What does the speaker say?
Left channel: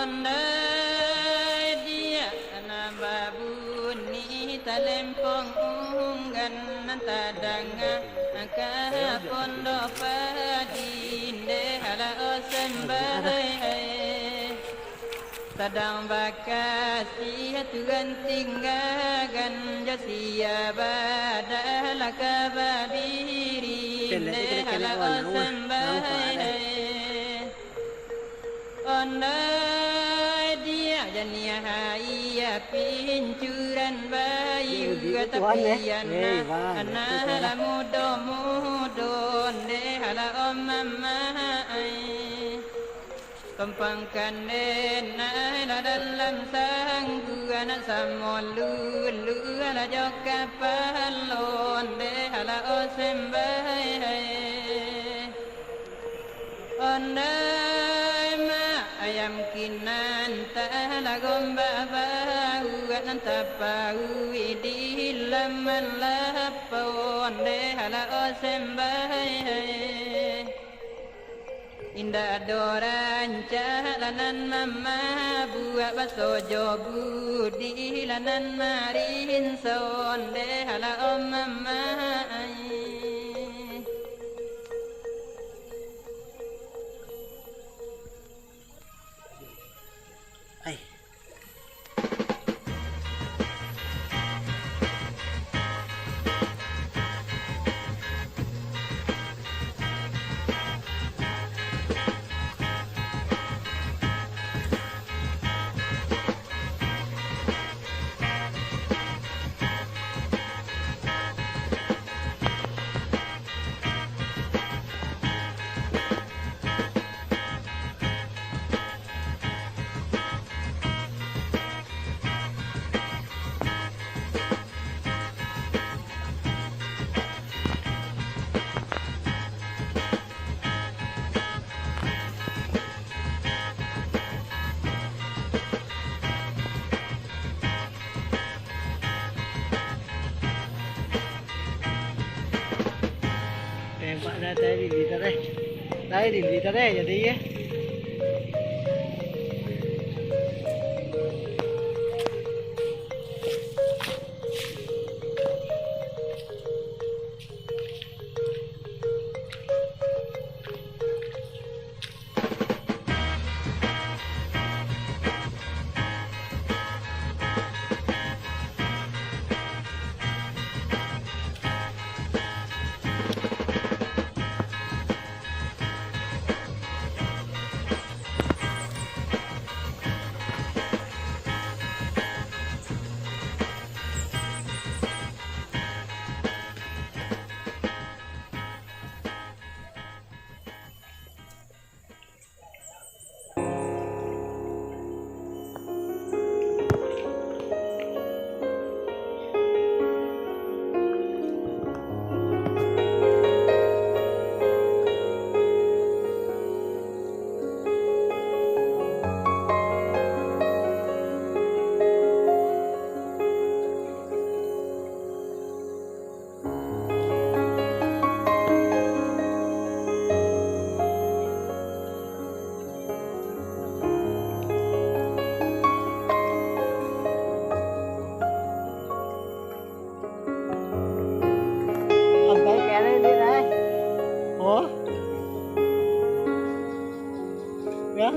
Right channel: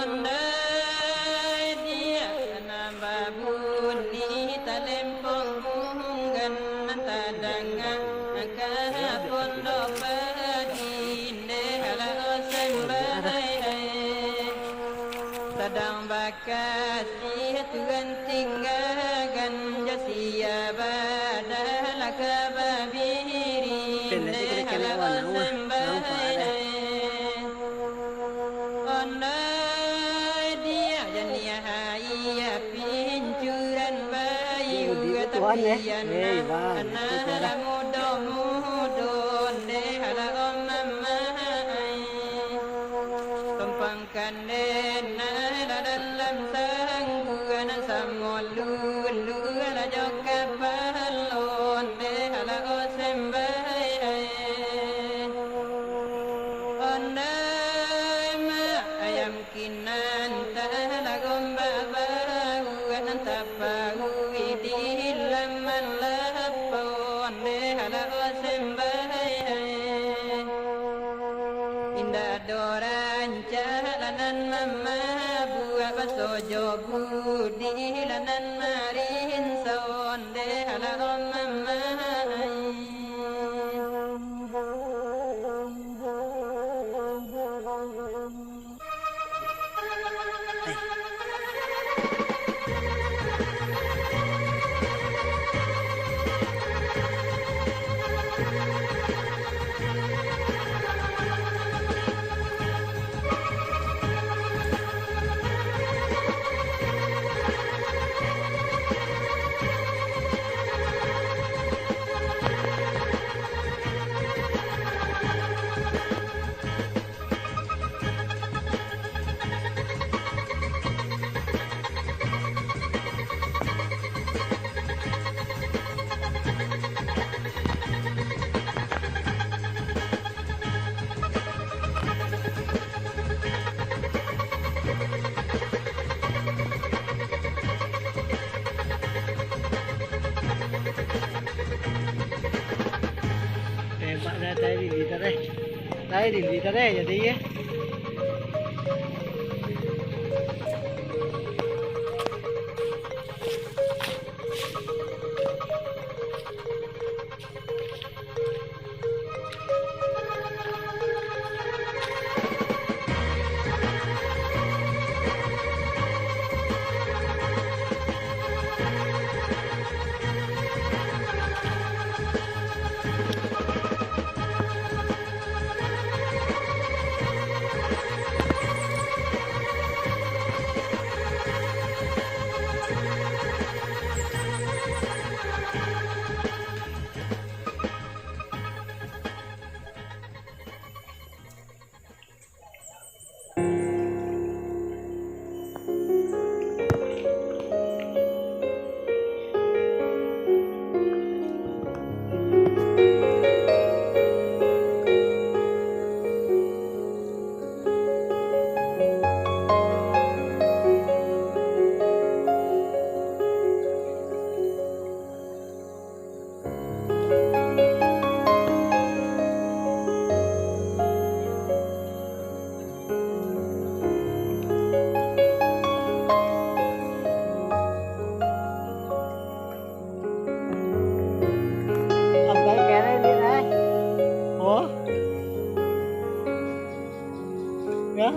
Ondai dia nababuni talempong unggan nantadangan pondok padinde hala osembahai sedang bakasi Tuhan tinggalkan jatia badala kababirinde hala osembahai ondai dia jania hai pincuran bayu tapian ana mudo ne hala omamai tumpangkan na dalam sangguan samolu lu ala jokapalon ne hala osembahai ondai ma ayam kinan tala gomba bahu nantapau di laman lapon ne hala osembahai indah doran jalanan mama buat basojo budi lanan marin sonde hala om mama Tembak dah tadi di tarik jadi ya. Cái kẻ đây đi đây. Ủa? Dạ?